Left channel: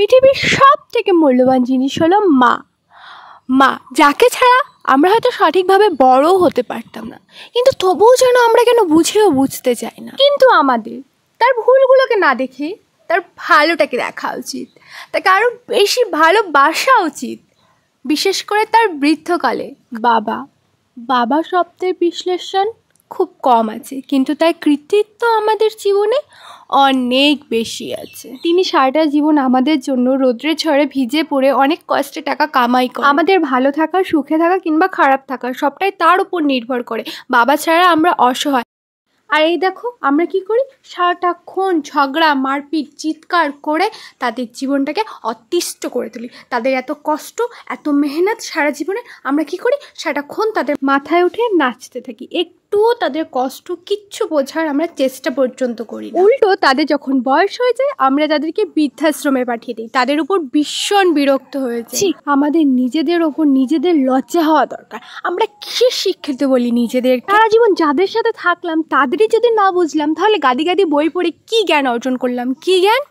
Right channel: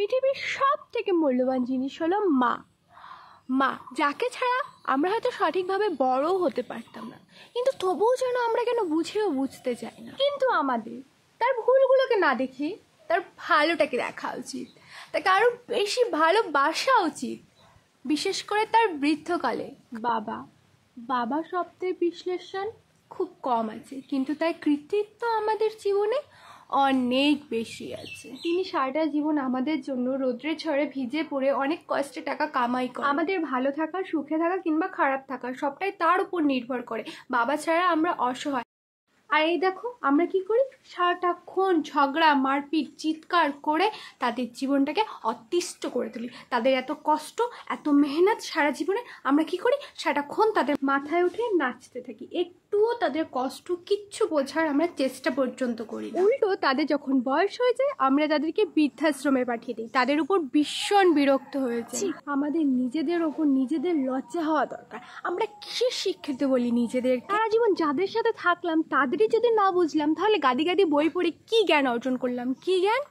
পৃথিবীর সবথেকে মূল্যবান জিনিস হলো মা। মা যাকে ছাড়া আমরা হয়তো সঠিকভাবে বড়ও হতে পারতাম না, কিন্তু তবুও যেন আমরা কেন বুঝতে চাই না। কিন্তু আমাদের তার ভুলগুলোকে না দেখে তার ভালোটাকে দেখা উচিত, তাকে আরও বেশি ভালোবাসা উচিত। বিশেষ করে তার বৃদ্ধকালে বাবা শব্দের বিশ্লেষণ খুব কম আছে, কিন্তু তার কৃতিত্ব আমাদের জীবনে অনেক বেশি আছে। তিনি সারাটা জীবন আমাদের জন্য রোদ্রে ঝড়ে ভিজে পড়ে অনেক কষ্টে টাকা কামাই করে। আমাদের ভালো থাকা, সুখে থাকা কিংবা খারাপ থাকা সবটাই তার উপর নির্ভর করে। বাবা ছাড়া আমরা অসহায়। আর এই দেখো আমরা কি করি, সারাটাক্ষণ ঝগড়া, মারপিট, চিৎকার করে তাদের জীবনটাকে অতিষ্ঠ করে তুলি। তাদের এত কষ্ট, এত মেহনত সারা জীবনে আমরা কি করি, সারাটাক্ষণ তাদের মাথায় উঠে নাচতে থাকি। একটুও তাদের কষ্ট কিচ্ছু বোঝার আমরা চেষ্টা পর্যন্ত করি। উল্টো তাদের যখন বয়স হয়ে যায় আমরা তাদেরকে বৃদ্ধাশ্রমে পাঠিয়ে দিই। তাদের উপর ভীষণ বিরক্ত হয়েছে। আমাদের নিজেদের ওপর নিজেদের লজ্জা হওয়া দরকার। আমরা কিসের শিক্ষিত বলি নিজেদের? সারা জীবন যাদের সাথে থাকলাম তাদেরই যদি না বুঝলাম, তাহলে গাদি গাদি বই পড়ে কি জ্ঞান অর্জন করলাম? কি জ্ঞান?